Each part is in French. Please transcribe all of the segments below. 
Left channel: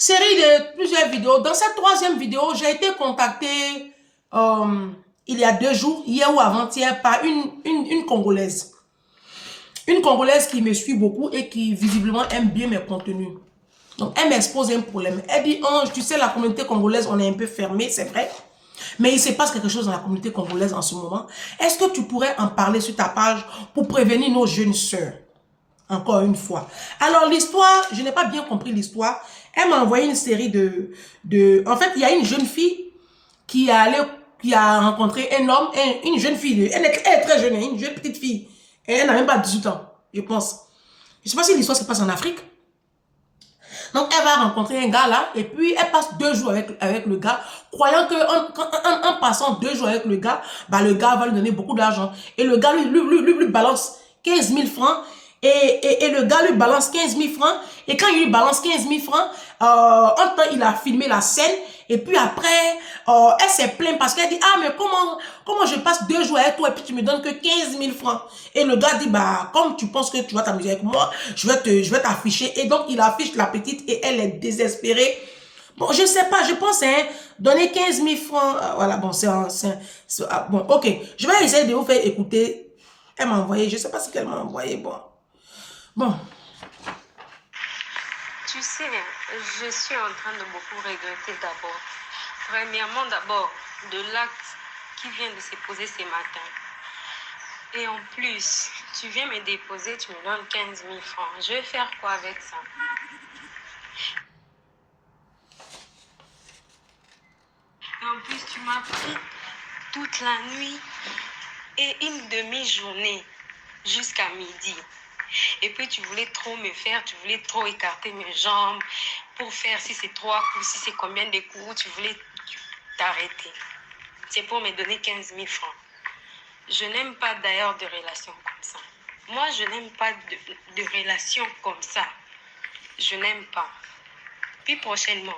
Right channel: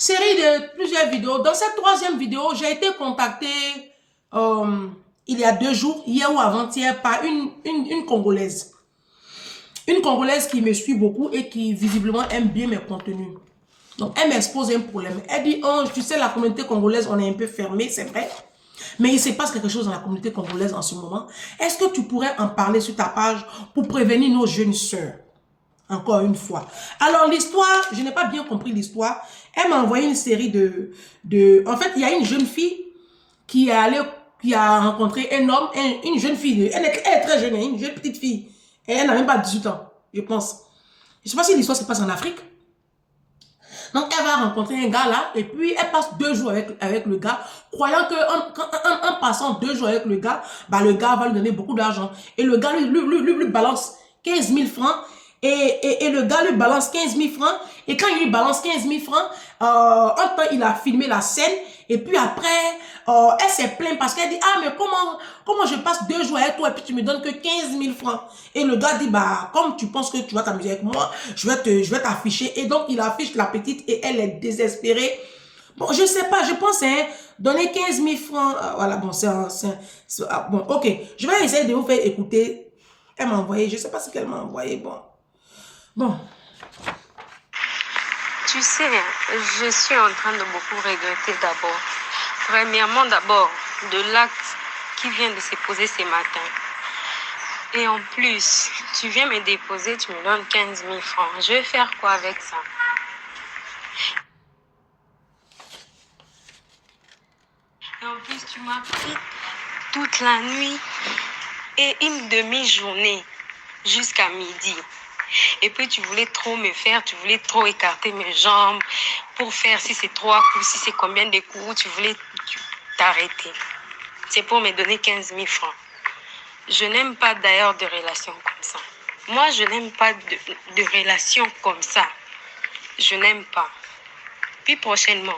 Série de plusieurs vidéos. Dans cette troisième vidéo, j'ai été contactée il y a 2 jours, hier ou avant-hier, par une Congolaise. Une Congolaise qui me suit beaucoup et qui visiblement aime bien mes contenus. Donc, elle m'expose un problème. Elle dit, oh, tu sais, la communauté congolaise, on est un peu fermé, c'est vrai. Mais il se passe quelque chose dans la communauté congolaise en ce moment. Est-ce que tu pourrais en parler sur ta page pour prévenir nos jeunes sœurs? Encore une fois. Alors, l'histoire, je n'ai pas bien compris l'histoire. Elle m'a envoyé une série En fait, il y a une jeune fille qui a rencontré un homme, une jeune fille. Elle est très jeune, une jeune petite fille. Et elle n'a même pas 18 ans, je pense. Je ne sais pas si l'histoire se passe en Afrique. Donc, elle va rencontrer un gars là, et puis elle passe 2 jours avec le gars, croyant qu'en passant 2 jours avec le gars va lui donner beaucoup d'argent. Et le gars lui balance 15 000 francs, et le gars lui balance 15 000 francs, et quand il lui balance 15 000 francs, en temps, il a filmé la scène, et puis après, elle s'est plainte parce qu'elle dit, ah, mais comment je passe 2 jours avec toi, et puis tu me donnes que 15 000 francs. Et le gars dit, bah, comme tu penses que tu vas t'amuser avec moi, je vais t'afficher. Et donc, il affiche la petite, et elle est désespérée. Bon, je sais pas, je pense, hein, donner 15 000 francs, voilà, bon, bon, ok, je vais essayer de vous faire écouter. Elle m'a envoyé, je sais pas ce qu'elle m'a envoyé, bon. Tu sais, je suis en train de beaucoup regretter d'abord. Premièrement, de l'acte qui vient de se poser ce matin. Et en plus, tu viens me déposer, tu me donnes 15 000 francs. Je vais faire quoi avec ça? Et en plus, tu m'as pris toute la nuit et une demi-journée jusqu'à midi. Et puis tu voulais trop me faire, tu voulais trop écarter mes jambes pour faire si c'est 3 coups, si c'est combien de coups, tu voulais t'arrêter. C'est pour me donner 15 000 francs. Je n'aime pas d'ailleurs de relations comme ça. Moi, je n'aime pas de relations comme ça. Je n'aime pas. Puis prochainement,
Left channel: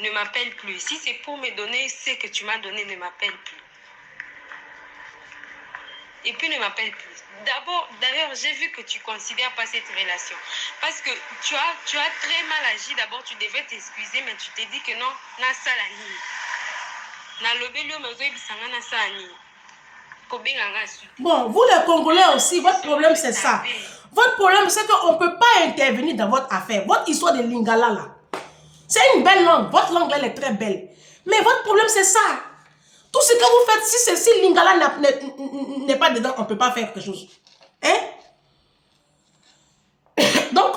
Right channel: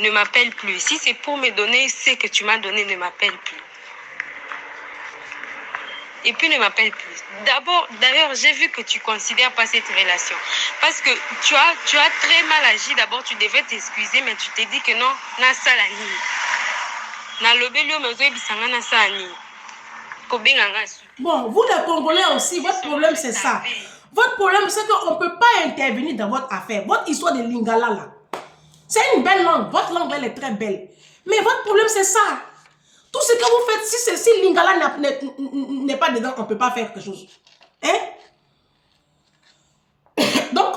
ne m'appelle plus. Si c'est pour me donner ce que tu m'as donné, ne m'appelle plus. Et puis ne m'appelle plus. D'ailleurs, j'ai vu que tu ne considères pas cette relation. Parce que tu as très mal agi. D'abord, tu devais t'excuser, mais tu t'es dit que non, na salani. Na lobelio mezo bisanga na salani. Bon, vous les Congolais aussi, votre problème c'est ça. Votre problème c'est qu'on ne peut pas intervenir dans votre affaire. Votre histoire de Lingala là. C'est une belle langue. Votre langue elle est très belle. Mais votre problème c'est ça. Tout ce que vous faites, si Lingala n'est pas dedans, on ne peut pas faire quelque chose. Hein? Donc,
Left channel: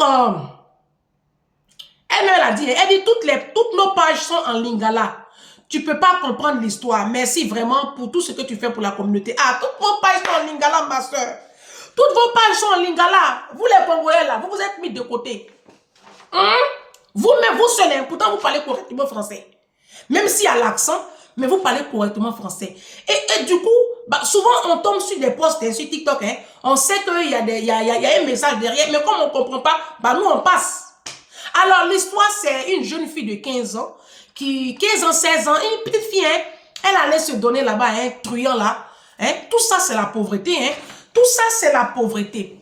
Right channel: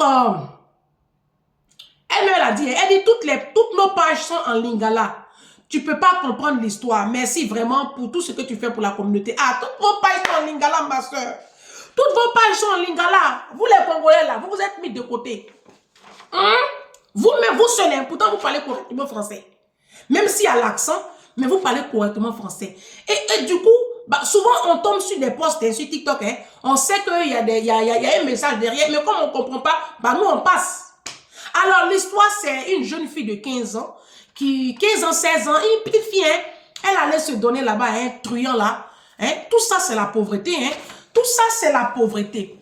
elle a dit, toutes nos pages sont en Lingala. Tu ne peux pas comprendre l'histoire. Merci vraiment pour tout ce que tu fais pour la communauté. Ah, toutes vos pages sont en Lingala, ma soeur. Toutes vos pages sont en Lingala. Vous les Congolais là, vous vous êtes mis de côté. Hein? Vous-même, vous seul, hein, pourtant vous parlez correctement français. Même s'il y a l'accent, mais vous parlez correctement français. Et du coup, bah, souvent on tombe sur des posts sur TikTok. Hein, on sait qu'il y a un message derrière, mais comme on ne comprend pas, bah, nous on passe. Alors l'histoire, c'est une jeune fille de 15 ans, 15 ans, 16 ans, une petite fille, hein, elle allait se donner là-bas, un truand là. Hein, tout ça, c'est la pauvreté. Hein, tout ça, c'est la pauvreté.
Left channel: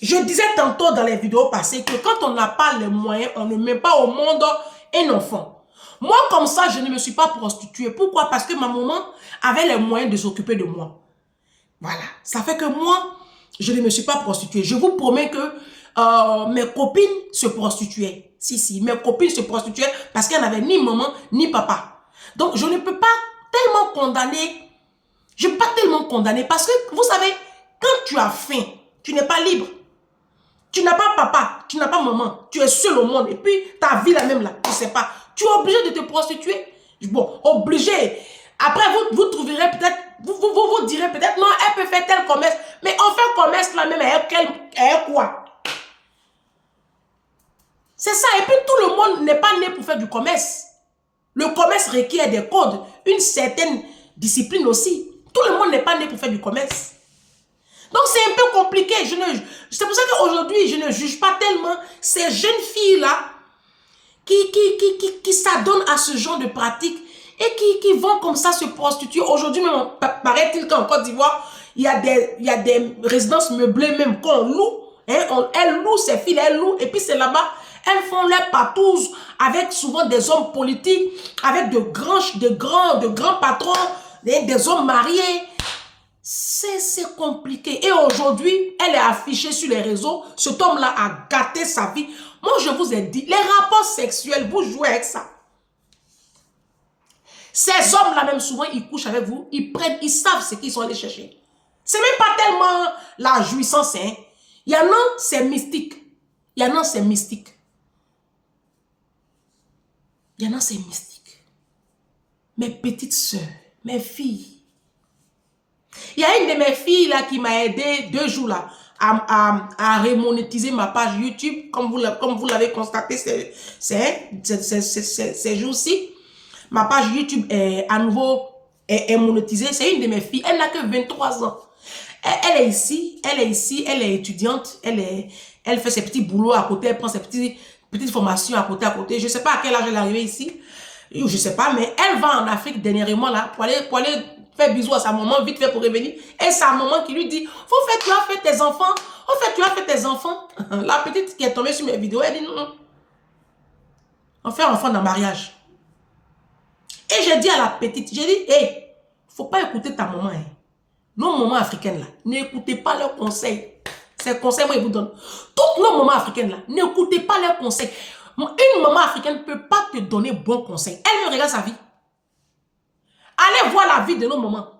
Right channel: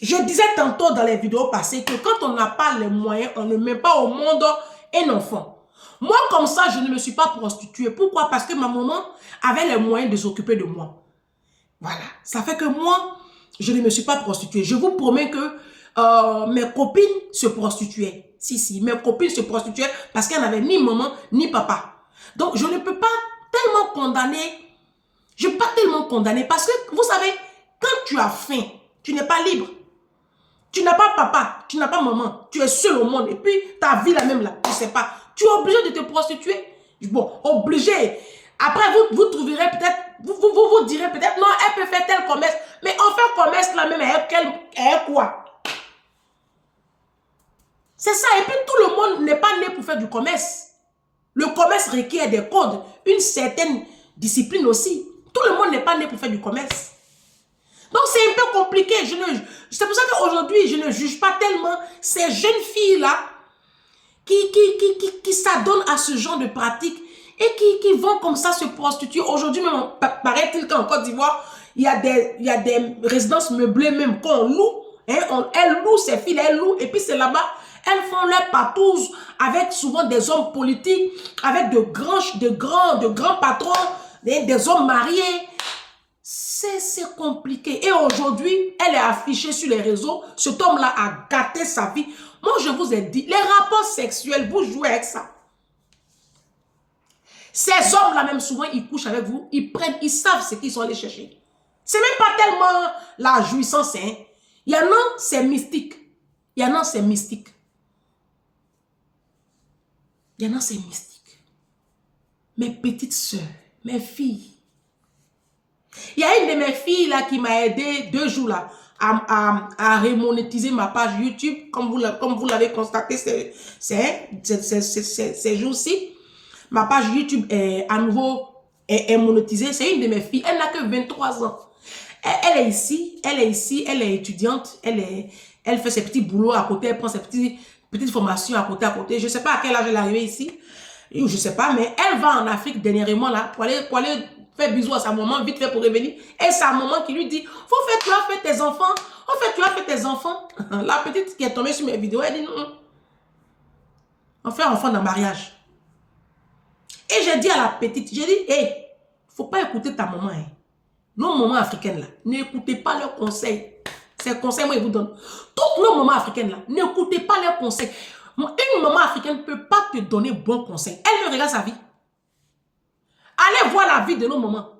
Je disais tantôt dans les vidéos passées que quand on n'a pas les moyens, on ne met pas au monde un enfant. Moi, comme ça, je ne me suis pas prostituée. Pourquoi? Parce que ma maman avait les moyens de s'occuper de moi. Voilà. Ça fait que moi, je ne me suis pas prostituée. Je vous promets que mes copines se prostituaient. Si, mes copines se prostituaient parce qu'elles n'avaient ni maman, ni papa. Donc, je ne peux pas tellement condamner. Je ne peux pas tellement condamner parce que, vous savez, quand tu as faim, tu n'es pas libre. Tu n'as pas papa, tu n'as pas maman, tu es seul au monde. Et puis, ta vie la même là, tu ne sais pas. Tu es obligé de te prostituer. Bon, obligé. Après, vous trouverez peut-être, vous direz peut-être, non, elle peut faire tel commerce. Mais on fait commerce là même, elle quoi? C'est ça. Et puis, tout le monde n'est pas né pour faire du commerce. Le commerce requiert des codes, une certaine discipline aussi. Tout le monde n'est pas né pour faire du commerce. Donc, c'est un peu compliqué. C'est pour ça qu'aujourd'hui, je ne juge pas tellement ces jeunes filles-là qui s'adonnent à ce genre de pratiques et qui vont comme ça se prostituer. Aujourd'hui, même, paraît-il qu'en Côte d'Ivoire, il y a des résidences meublées même qu'on loue. Hein, elle loue, ces filles, elle loue. Et puis, c'est là-bas, Elles font leur patouze avec souvent des hommes politiques, avec de grands patrons, des hommes mariés. C'est compliqué. Et aujourd'hui, elle est affichée sur les réseaux. Cet homme-là a gâté sa vie. Moi, je vous ai dit, les rapports sexuels, vous jouez avec ça. Ces hommes-là, même souvent, ils couchent avec vous, ils savent ce qu'ils sont allés chercher. C'est même pas tellement la jouissance, hein. Il y en a, c'est mystique. Il y en a, c'est mystique. Il y en a, c'est mystique. Mes petites sœurs, mes filles. Il y a une de mes filles là qui m'a aidé 2 jours là à remonétiser ma page YouTube, comme vous l'avez constaté ces jours-ci. Ma page YouTube est à nouveau est monétisée. C'est une de mes filles. Elle n'a que 23 ans. Elle est ici, elle est étudiante, elle fait ses petits boulots à côté, elle prend ses petites formations à côté. Je ne sais pas à quel âge elle est arrivée ici, je ne sais pas, mais elle va en Afrique dernièrement là pour aller faire bisous à sa maman, vite fait pour revenir. Et sa maman qui lui dit, tu as fait tes enfants, tu as fait tes enfants. La petite qui est tombée sur mes vidéos, elle dit non, on fait enfant dans le mariage. Et j'ai dit à la petite, j'ai dit, hey, faut pas écouter ta maman, hein. Nos mamans africaines là, n'écoutez pas leurs conseils. Ces conseils, moi, ils vous donnent. Toutes nos mamans africaines là, n'écoutez pas leurs conseils. Une maman africaine ne peut pas te donner bon conseil. Elle me regarde sa vie. Allez voir la vie de nos mamans.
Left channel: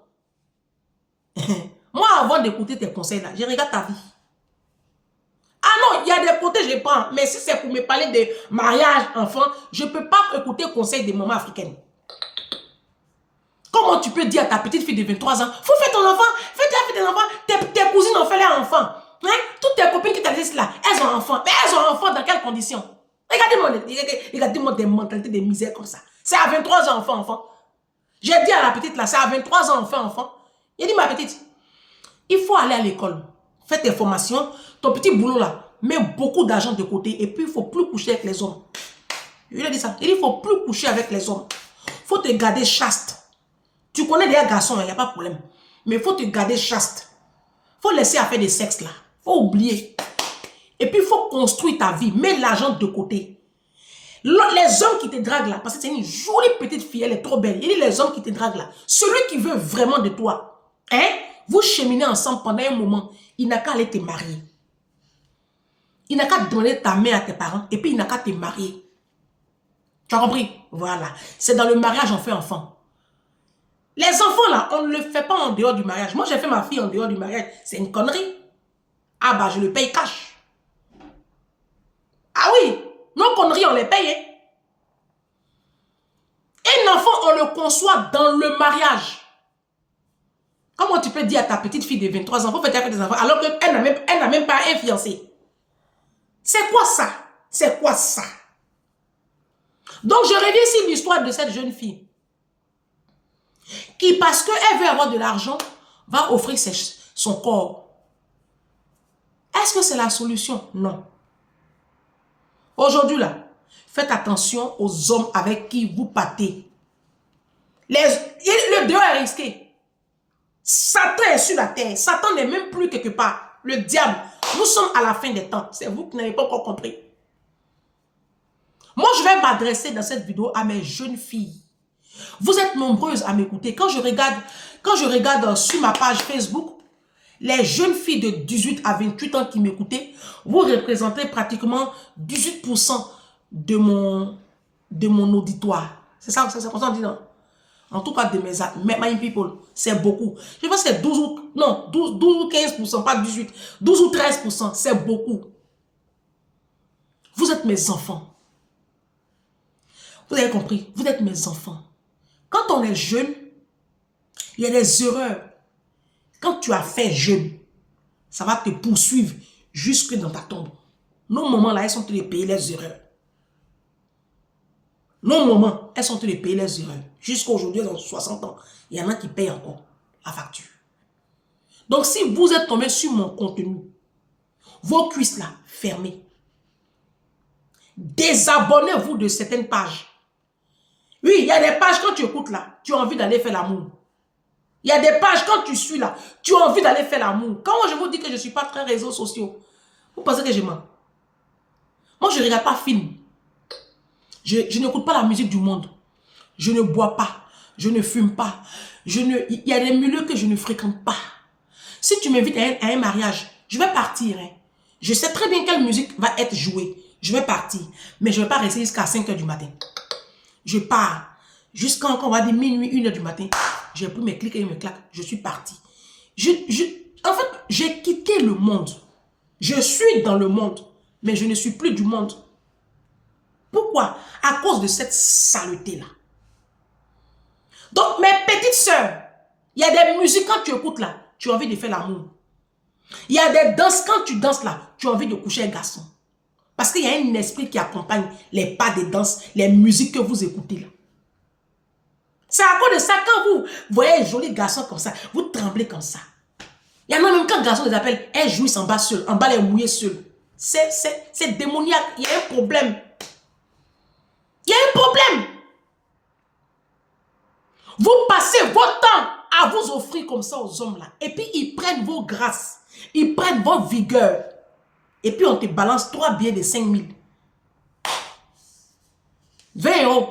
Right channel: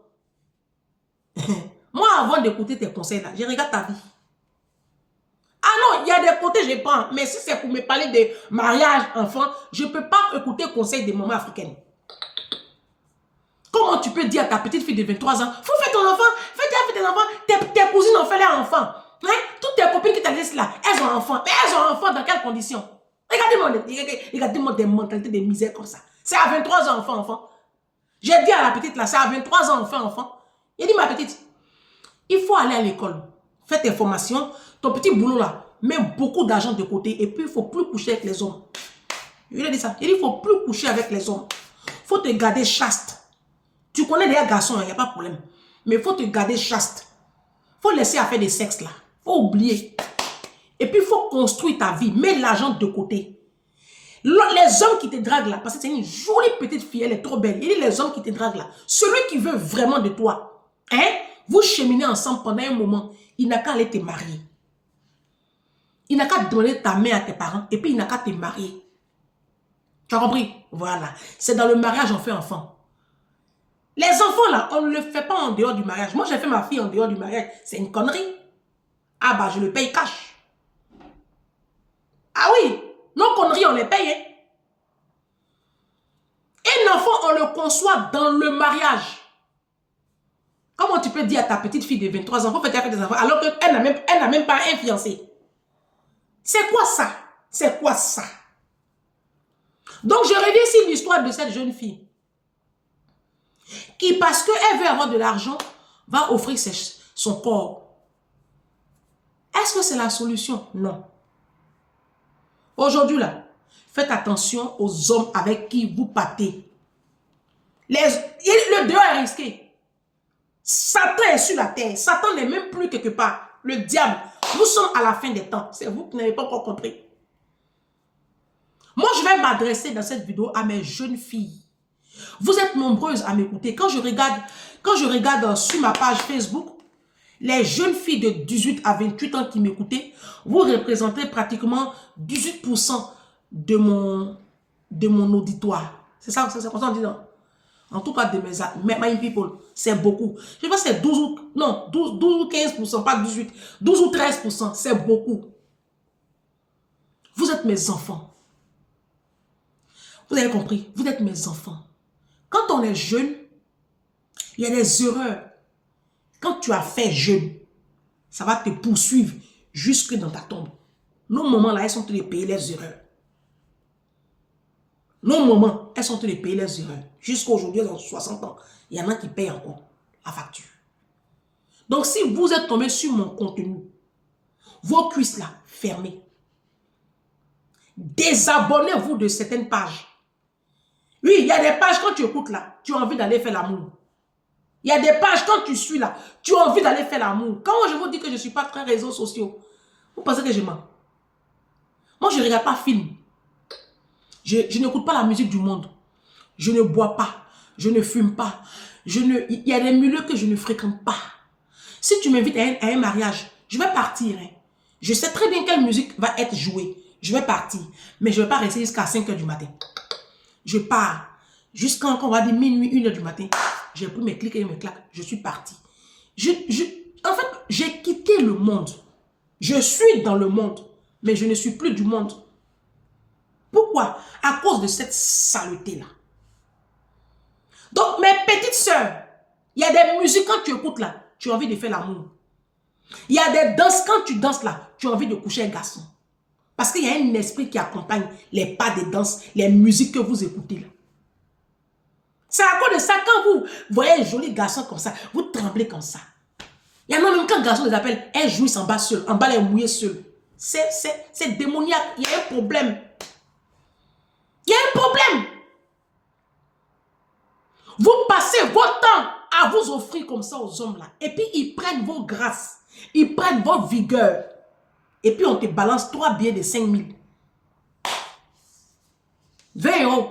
Moi, avant d'écouter tes conseils là, je regarde ta vie. Ah non, il y a des côtés, je prends. Mais si c'est pour me parler de mariage, enfant, je ne peux pas écouter conseils des mamans africaines. Comment tu peux dire à ta petite fille de 23 ans, faut faire ton enfant, fais tes enfants, tes cousines ont fait leur enfant. Hein? Toutes tes copines qui t'ont dit là, elles ont enfant. Mais elles ont enfant dans quelles conditions? Regardez-moi des mentalités de misère comme ça. C'est à 23 ans, enfant. J'ai dit à la petite là, c'est à 23 ans, enfant. J'ai dit, ma petite, il faut aller à l'école, fais tes formations, ton petit boulot là, mets beaucoup d'argent de côté et puis il ne faut plus coucher avec les hommes. Je lui ai dit ça. Il ne faut plus coucher avec les hommes. Il faut te garder chaste. Tu connais des garçons, il n'y a pas de problème. Mais il faut te garder chaste. Il faut laisser à faire des sexes là. Il faut oublier. Et puis il faut construire ta vie. Mets l'argent de côté. Les hommes qui te draguent là, parce que c'est une jolie petite fille, elle est trop belle. Il dit les hommes qui te draguent là. Celui qui veut vraiment de toi, hein, vous cheminez ensemble pendant un moment, il n'a qu'à aller te marier. Il n'a qu'à donner ta main à tes parents et puis il n'a qu'à te marier. Tu as compris? Voilà. C'est dans le mariage on fait enfant. Les enfants là, on ne le fait pas en dehors du mariage. Moi, j'ai fait ma fille en dehors du mariage. C'est une connerie. Ah bah, je le paye cash. Ah oui, nos conneries, on les paye. Hein? Un enfant, on le conçoit dans le mariage. Comment tu peux dire à ta petite fille de 23 ans, faut faire des enfants, alors qu'elle n'a même pas un fiancé? C'est quoi ça? C'est quoi ça? Donc, je reviens sur l'histoire de cette jeune fille qui, parce qu'elle veut avoir de l'argent, va offrir son corps. Est-ce que c'est la solution? Non. Aujourd'hui, là, faites attention aux hommes avec qui vous pâtez. Le dehors est risqué. Satan est sur la terre. Satan n'est même plus quelque part. Le diable. Nous sommes à la fin des temps. C'est vous qui n'avez pas encore compris. Moi, je vais m'adresser dans cette vidéo à mes jeunes filles. Vous êtes nombreuses à m'écouter. Quand je regarde sur ma page Facebook, les jeunes filles de 18 à 28 ans qui m'écoutaient, vous représentez pratiquement 18% de mon auditoire. C'est ça, c'est comme ça on dit, non? En tout cas, de my people, c'est beaucoup. Je pense que c'est 12 ou 15%, pas 18. 12 ou 13%, c'est beaucoup. Vous êtes mes enfants. Vous avez compris? Vous êtes mes enfants. Quand on est jeune, il y a des erreurs. Quand tu as fait jeune, ça va te poursuivre jusque dans ta tombe. Nos mamans là, elles sont les payer les erreurs. Nos mamans, elles sont les payer les erreurs. Jusqu'à aujourd'hui, dans 60 ans, il y en a qui payent encore la facture. Donc, si vous êtes tombé sur mon contenu, vos cuisses là, fermées. Désabonnez-vous de certaines pages. Oui, il y a des pages quand tu écoutes là, tu as envie d'aller faire l'amour. Il y a des pages quand tu suis là, tu as envie d'aller faire l'amour. Quand je vous dis que je ne suis pas très réseaux sociaux, vous pensez que je mens? Moi, je ne regarde pas film. Je n'écoute pas la musique du monde. Je ne bois pas. Je ne fume pas. Il y a des milieux que je ne fréquente pas. Si tu m'invites à un mariage, je vais partir. Hein. Je sais très bien quelle musique va être jouée. Je vais partir. Mais je ne vais pas rester jusqu'à 5 h du matin. Je pars. Jusqu'à on va dire minuit, 1 h du matin. J'ai pris mes clics et mes claques. Je suis parti. En fait, j'ai quitté le monde. Je suis dans le monde. Mais je ne suis plus du monde. Pourquoi? À cause de cette saleté-là. Donc, mes petites sœurs, il y a des musiques quand tu écoutes là, tu as envie de faire l'amour. Il y a des danses quand tu danses là, tu as envie de coucher un garçon. Parce qu'il y a un esprit qui accompagne les pas des danses, les musiques que vous écoutez là. C'est à cause de ça, quand vous voyez un joli garçon comme ça, vous tremblez comme ça. Il y en a même quand le garçon les appelle, elles jouissent en bas seul, en bas les mouillés seuls. C'est démoniaque, il y a un problème. Il y a un problème. Vous passez votre temps à vous offrir comme ça aux hommes là. Et puis ils prennent vos grâces. Ils prennent vos vigueurs. Et puis on te balance 3 billets de 5 000. 20 €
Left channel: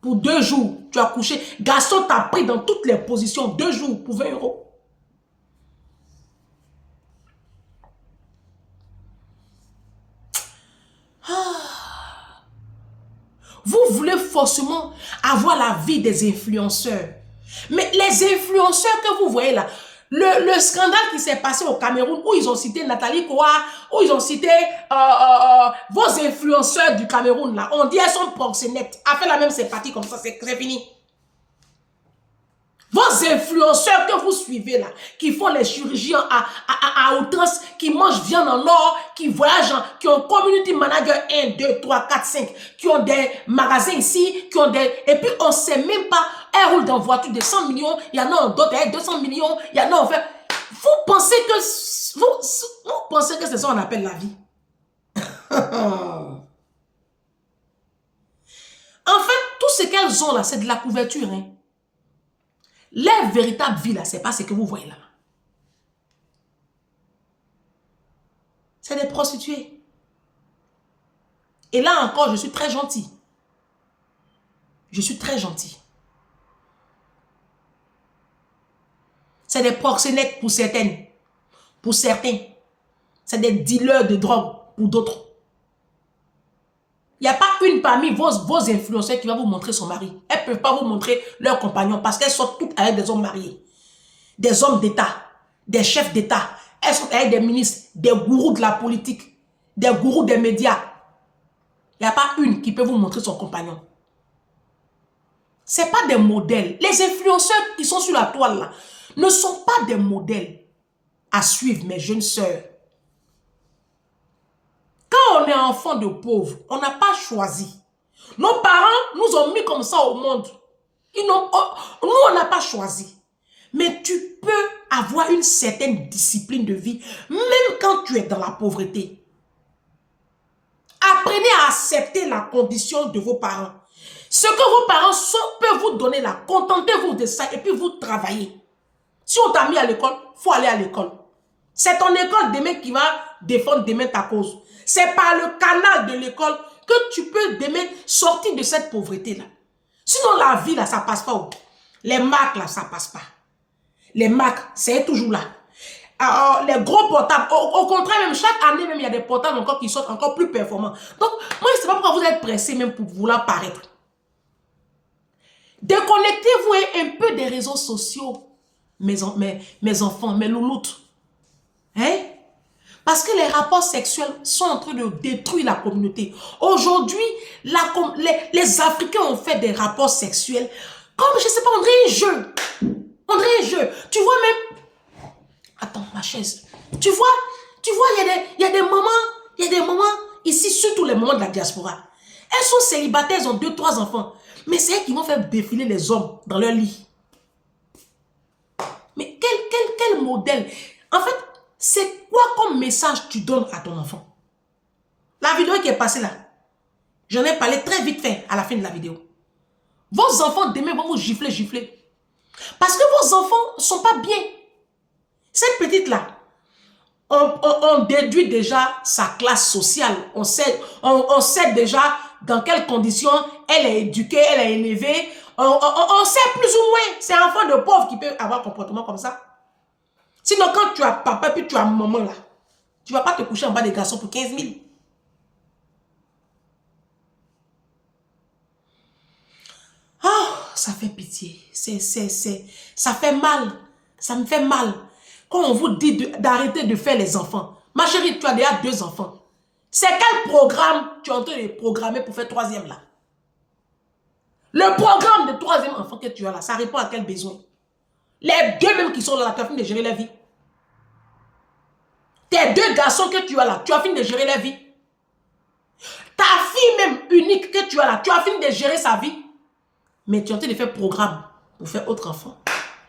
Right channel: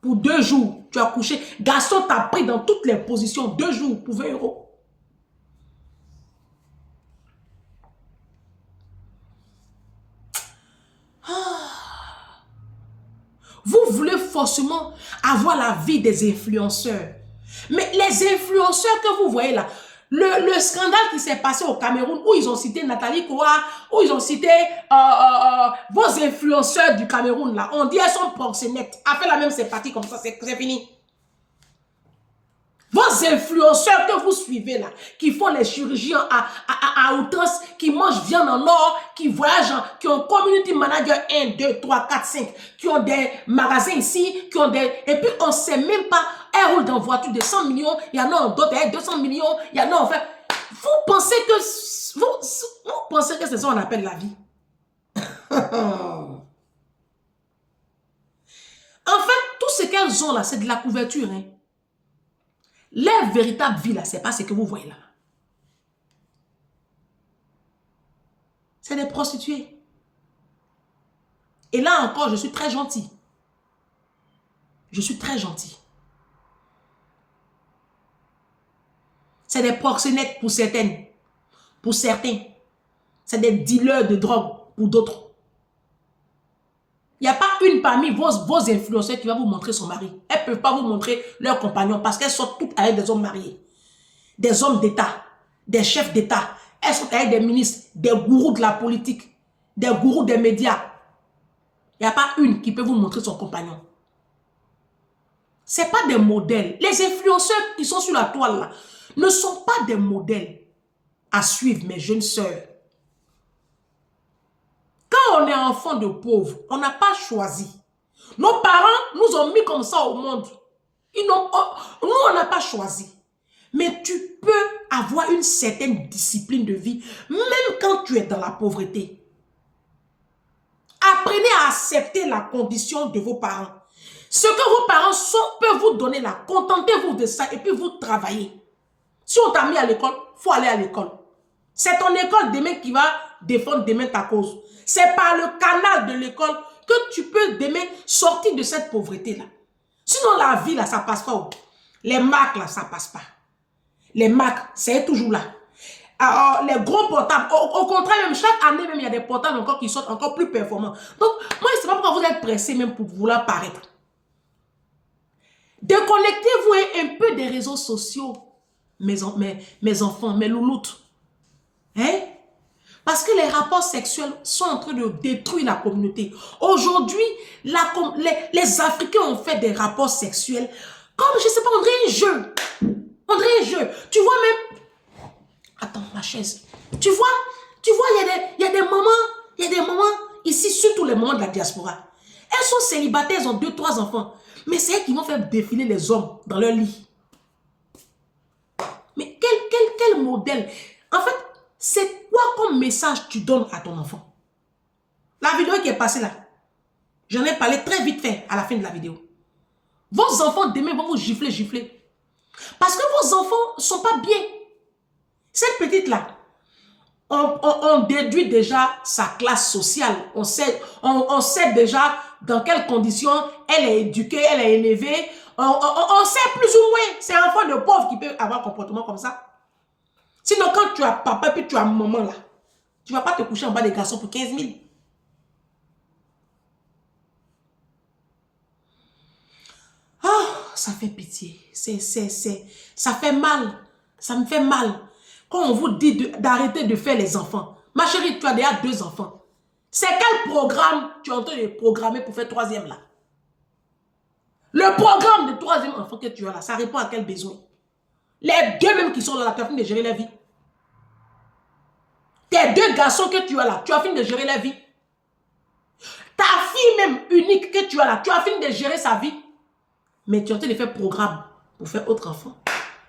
pour 2 jours. Tu as couché. Garçon t'a pris dans toutes les positions. 2 jours pour 20 €. Vous voulez forcément avoir la vie des influenceurs. Mais les influenceurs que vous voyez là, le scandale qui s'est passé au Cameroun, où ils ont cité Nathalie Koa, où ils ont cité vos influenceurs du Cameroun là, on dit elles sont proxénètes. Après la même c'est parti comme ça, c'est fini. Vos influenceurs que vous suivez là, qui font les chirurgiens à outrance, qui mangent viande en or, qui voyagent, qui ont community manager 1, 2, 3, 4, 5, qui ont des magasins ici, qui ont des... Et puis on ne sait même pas, elles roulent dans une voiture de 100 millions, il y en a d'autres avec 200 millions, il y en a en fait... Vous pensez que... Vous pensez que c'est ça qu'on appelle la vie? En fait, tout ce qu'elles ont là, c'est de la couverture, hein. Leur véritable vie, là, c'est pas ce que vous voyez là. C'est des prostituées. Et là encore, je suis très gentil. Je suis très gentil. C'est des proxénètes pour certaines. Pour certains. C'est des dealers de drogue pour d'autres. Il n'y a pas une parmi vos influenceurs qui va vous montrer son mari. Elles ne peuvent pas vous montrer leurs compagnons parce qu'elles sont toutes avec des hommes mariés. Des hommes d'État, des chefs d'État. Elles sont avec des ministres, des gourous de la politique, des gourous des médias. Il n'y a pas une qui peut vous montrer son compagnon. Ce n'est pas des modèles. Les influenceurs qui sont sur la toile là ne sont pas des modèles à suivre, mes jeunes sœurs. Quand on est enfant de pauvres, on n'a pas choisi. Nos parents nous ont mis comme ça au monde. Nous, on n'a pas choisi. Mais tu peux avoir une certaine discipline de vie, même quand tu es dans la pauvreté. Apprenez à accepter la condition de vos parents. Ce que vos parents peuvent vous donner là, contentez-vous de ça et puis vous travaillez. Si on t'a mis à l'école, il faut aller à l'école. C'est ton école demain qui va défendre demain ta cause. C'est par le canal de l'école que tu peux demain sortir de cette pauvreté-là. Sinon, la vie, là, ça ne passe pas. Les marques, là, ça ne passe pas. Les marques, c'est toujours là. Alors, les gros portables, au contraire, même chaque année, même, il y a des portables encore qui sortent encore plus performants. Donc, moi, je ne sais pas pourquoi vous êtes pressés même pour vouloir paraître. Déconnectez-vous un peu des réseaux sociaux, mes enfants, mes louloutes. Hein? Parce que les rapports sexuels sont en train de détruire la communauté. Aujourd'hui, les Africains ont fait des rapports sexuels comme, je ne sais pas, on dirait un jeu. On dirait un jeu. Tu vois même... Attends, ma chaise. Tu vois, il y a des mamans ici, surtout les mamans de la diaspora. Elles sont célibataires, elles ont 2, 3 enfants. Mais c'est elles qui vont faire défiler les hommes dans leur lit. Mais quel modèle? En fait, c'est quoi comme message tu donnes à ton enfant? La vidéo qui est passée là, j'en ai parlé très vite fait à la fin de la vidéo. Vos enfants demain vont vous gifler. Parce que vos enfants ne sont pas bien. Cette petite là, on déduit déjà sa classe sociale. On sait déjà dans quelles conditions elle est éduquée, elle est élevée. On sait plus ou moins. C'est un enfant de pauvre qui peut avoir un comportement comme ça. Sinon, quand tu as papa puis tu as maman là, tu ne vas pas te coucher en bas des garçons pour 15 000. Oh, ça fait pitié. Ça fait mal. Ça me fait mal. Quand on vous dit d'arrêter de faire les enfants. Ma chérie, tu as déjà 2 enfants. C'est quel programme tu es en train de programmer pour faire 3e là? Le programme de 3e enfant que tu as là, ça répond à quel besoin? Les 2 mêmes qui sont là, tu as fini de gérer la vie. Tes 2 garçons que tu as là, tu as fini de gérer la vie. Ta fille même unique que tu as là, tu as fini de gérer sa vie. Mais tu es en train de faire programme pour faire autre enfant.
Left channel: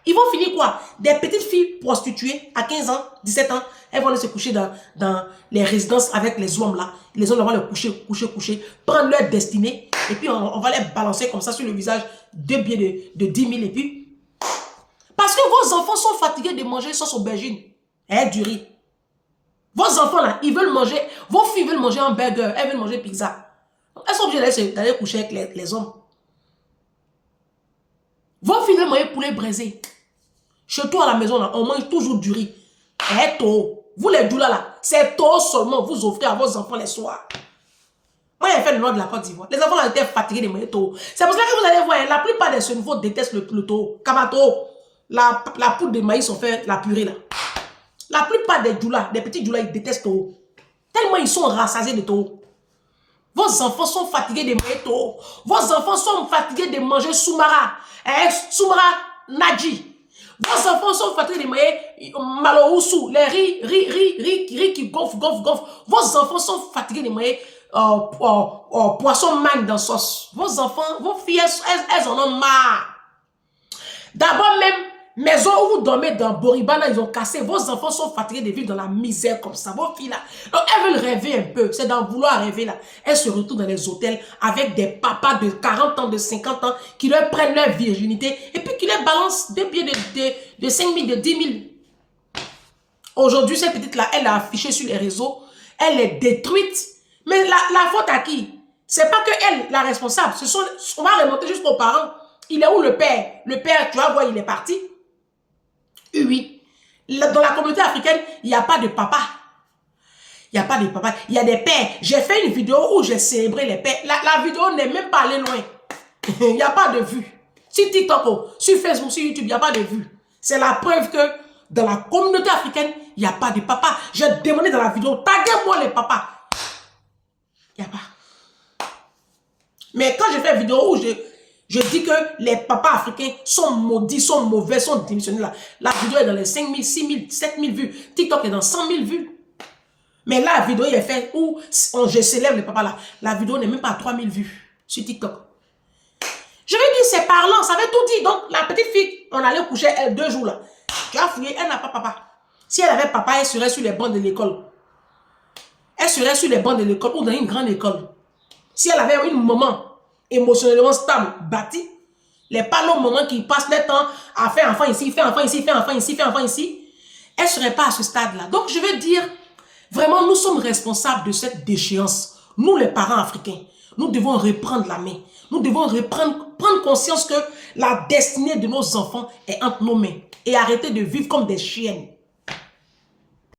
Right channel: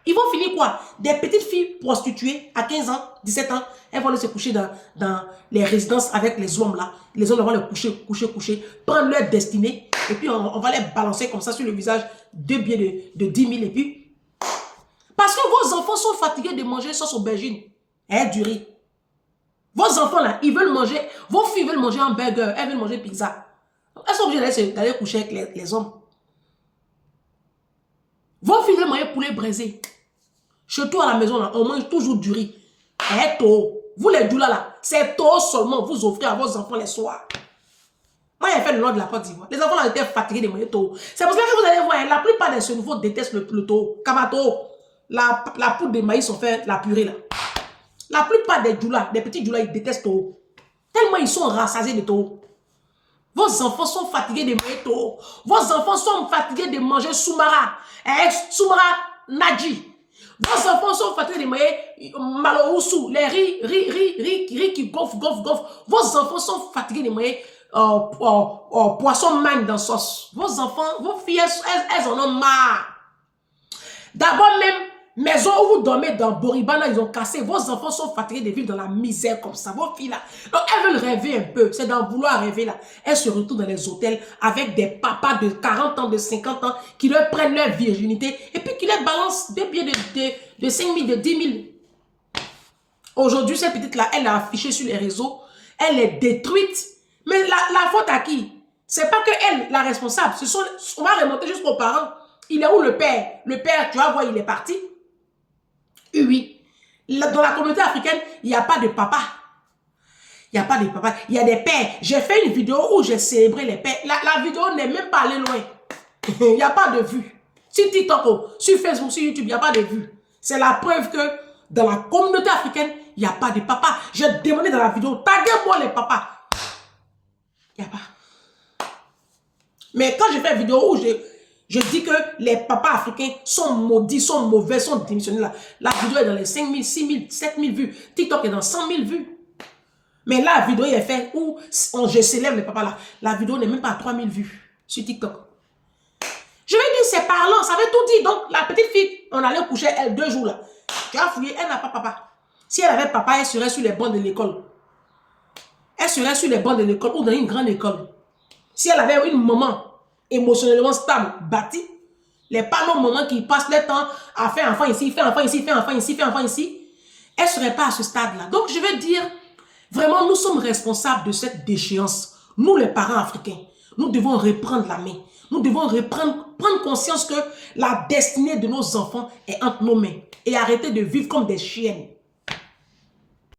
Ils vont finir quoi? Des petites filles prostituées à 15 ans, 17 ans. Elles vont aller se coucher dans les résidences avec les hommes là. Les hommes vont les coucher, prendre leur destinée. Et puis on va les balancer comme ça sur le visage 2 billets de 10 000 et puis. Parce que vos enfants sont fatigués de manger sauce aubergine et du riz. Vos enfants là, ils veulent manger. Vos filles veulent manger un burger, elles veulent manger pizza. Elles sont obligées d'aller coucher avec les hommes. Vos filles veulent manger poulet braisé. Chez toi à la maison, là, on mange toujours du riz. Et tôt. Vous les doulas là, c'est tôt seulement vous offrez à vos enfants les soirs. Moi, j'ai fait le nord de la Côte d'Ivoire. Les enfants là étaient fatigués de manger tôt. C'est pour ça que vous allez voir, la plupart des ce nouveau détestent le tôt. Kamato, la poudre de maïs, on fait la purée là. La plupart des doulas, des petits doulas, ils détestent tôt. Tellement ils sont rassasiés de tôt. Vos enfants sont fatigués de manger tôt. Vos enfants sont fatigués de manger soumara. Soumara Nadji. Vos enfants sont fatigués de manger maloroussou, les riz qui gonflent. Vos enfants sont fatigués de manger poisson mangue dans sauce. Vos enfants, vos filles, elles en ont marre. D'abord même, maison où vous dormez dans Boribana, ils ont cassé. Vos enfants sont fatigués de vivre dans la misère comme ça. Vos filles là, donc elles veulent rêver un peu. C'est d'en vouloir rêver là. Elles se retrouvent dans les hôtels avec des papas de 40 ans, de 50 ans qui leur prennent leur virginité et puis qui leur balancent des billets de 5 000, de 10 000. Aujourd'hui, cette petite là, elle a affiché sur les réseaux. Elle est détruite. Mais la faute à qui? C'est pas que elle, la responsable. On va remonter jusqu'aux parents. Il est où le père? Le père, tu vas voir, il est parti. Oui. Dans la communauté africaine, il n'y a pas de papa. Il n'y a pas de papa. Il y a des pères. J'ai fait une vidéo où j'ai célébré les pères. La vidéo n'est même pas allée loin. Il n'y a pas de vues. Sur TikTok, sur Facebook, sur YouTube, il n'y a pas de vues. C'est la preuve que dans la communauté africaine, il n'y a pas de papa. J'ai demandé dans la vidéo, taguez-moi les papas. Il n'y a pas. Mais quand j'ai fait une vidéo où je dis que les papas africains sont maudits, sont mauvais, sont démissionnés. La vidéo est dans les 5 000, 6 000, 7 000 vues. TikTok est dans 100 000 vues. Mais la vidéo est faite où je célèbre les papas là. La vidéo n'est même pas à 3 000 vues sur TikTok. Je vais dire, c'est parlant, ça veut tout dire. Donc, la petite fille, on allait coucher elle 2 jours là. Tu as fouillé, elle n'a pas papa. Si elle avait papa, elle serait sur les bancs de l'école. Elle serait sur les bancs de l'école ou dans une grande école. Si elle avait une maman émotionnellement stable, bâtie, les panneaux moments qui passent le temps à faire enfant ici, faire enfant ici, faire enfant ici, faire enfant ici, elle ne serait pas à ce stade-là. Donc, je veux dire, vraiment, nous sommes responsables de cette déchéance. Nous, les parents africains, nous devons reprendre la main. Nous devons prendre conscience que la destinée de nos enfants est entre nos mains et arrêter de vivre comme des chiennes.